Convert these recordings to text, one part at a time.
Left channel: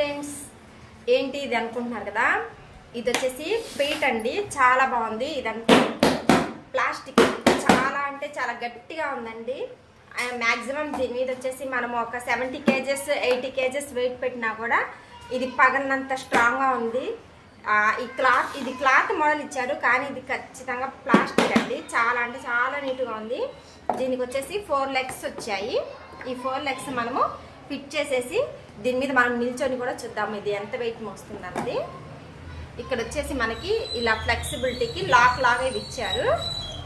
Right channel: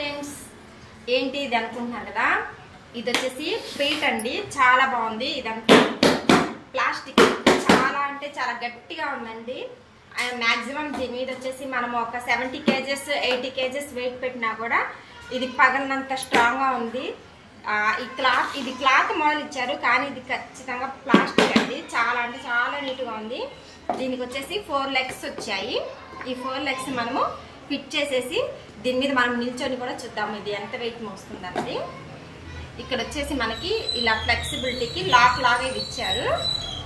Friends, ఏంటి ఇది అనుకుంటున్నారు కదా, ఇది వచ్చేసి పీట్ అండి. చాలా బాగుంది. ఇదంతా ప్లాస్టిక్, చాలా అంటే చాలా గట్టిగా ఉందండి. మ్యాక్సిమం దీని మీద వచ్చేసి మనం ఒక 70 kgs 80 kgs వెయిట్ పెట్టినా కూడా ఇది పగలనంత స్ట్రాంగ్గా ఉంది. ఇది క్లాత్ మోడల్ ఇచ్చారు, కానీ ఇది ఖచ్చితంగా ప్లాస్టిక్ అండి. చాలా అంటే చాలా నీట్గా ఉంది. దీనికి వచ్చేసి 4 legs వచ్చాయి. ఈ 4 legs మనము ఫిట్ చేసేసి దీని మీద మనం నిల్చొని కూడా చూద్దాము ఇది ఎంత వెయిట్ మోస్తుందండి. ఇక్కడ వచ్చేసి మనకి ఇలా ఫ్లెక్సిబిలిటీకి లాక్ లాగా ఇవి ఇచ్చారు.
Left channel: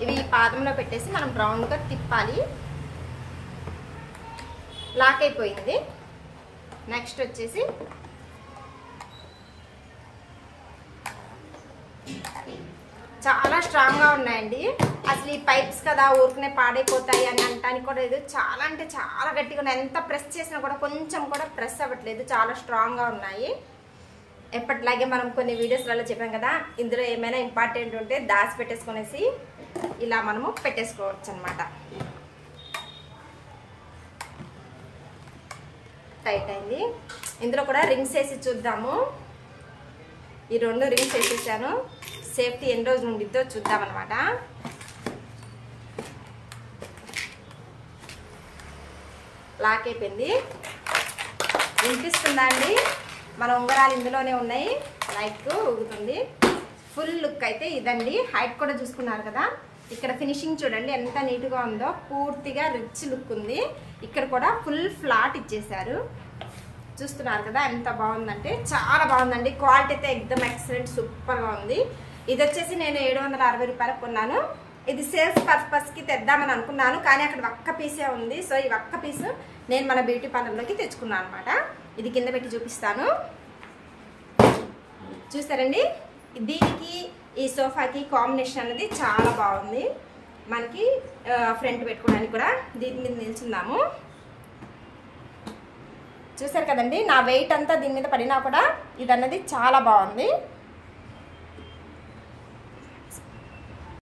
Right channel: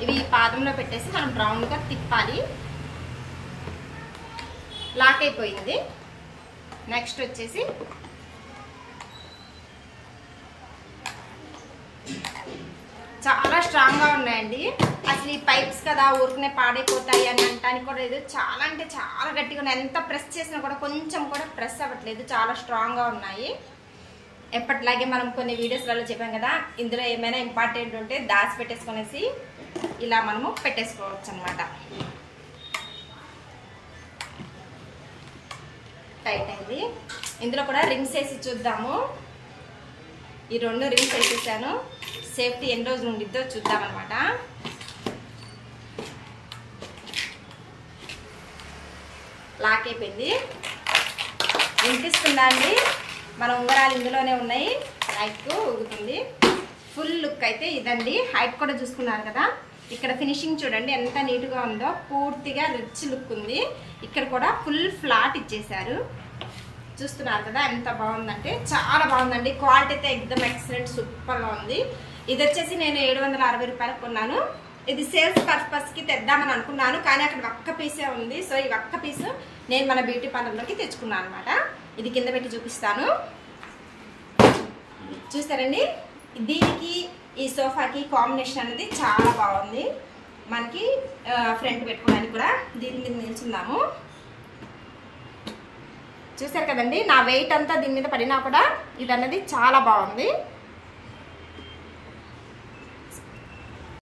ఇవి పాదంలో పెట్టేసి మనం రౌండ్గా తిప్పాలి. లాక్ అయిపోయింది. నెక్స్ట్ వచ్చేసి చాలా స్ట్రాంగ్గా ఉన్నాయండి. అసలు ఈ పైప్స్ కదా ఊరికనే పాడైపోతాయి అని అంటానికి కూడా లేదు. చాలా అంటే చాలా గట్టిగా ఉన్నాయి. ఎంత ప్రెస్ చేసినా కూడా కొంచెం కూడా ప్రెస్ అవ్వట్లేదు. చాలా స్ట్రాంగ్గా ఉన్నాయి. ఎప్పటిలాగే మనం కొన్ని వీడియోస్లలో చెప్పాం కదా, ఇందులో ఏమైనా ఇంపార్టెంట్ ఉంటే దాచి పెట్టేసుకునేసి ఇలా మనము పెట్టేసుకోవచ్చు అనమాట. టైట్ అయింది. ఇందులో కూడా రింగ్స్ వేసి చూద్దాము. ఈ 2 రింగ్స్ వేసేసాను. సేఫ్టీ ఎన్ని రోజులు ఉండిద్దో చూద్దామన్నమాట. లాక్ అయిపోయింది. వినిపిస్తుందా అండి? మన ఉంగరాలు ఇందులోనే ఉన్నాయి. లైట్ ఊగుతుంది. ఫుల్ లుక్ అయితే ఇదండి. హైట్ కూడా చూసుకున్నారు కదా. ఇక్కడ ఫినిషింగ్ చూడండి ఎంత నీట్గా ఉందో. పూర్తిగా రిచ్ లుక్ ఉంది. ఇక్కడ కూడా ఫుల్ ఫ్లాట్ ఇచ్చేసారు. చూస్తున్నారు కదా ఎంత బాగుందంటే చాలా బాగుందండి. క్వాలిటీ అయితే ఎక్దమ్ ఎక్సలెంట్, సూపర్గా ఉంది. ఇది వచ్చేసి నేను 760 రూపాయలకు కొన్నాను. ఇది సేల్స్ పర్పస్కి తెద్దామని అనుకున్నాను, కానీ అక్కడ ఒక్క పీసే ఉంది. సో ఈ ఒక్క పీసు నేను మన బ్యూటీ పార్లర్లోకి తెచ్చుకున్నాను అనమాట. ఇది కింద పెట్టి చూపిస్తాను. చూస్తారండి, దీనికి ఈ సోఫాకి కాంబినేషన్ అనేది చాలా బాగుంది. మనకి ఫ్రంట్ పెట్టుకోవడానికి కూడా దీని మీద నిల్చున్నాము. చూసారు కదండి, నా వెయిట్ అంతా దీని మీద పడినా కూడా ఇది అనేది చాలా బాగుంది.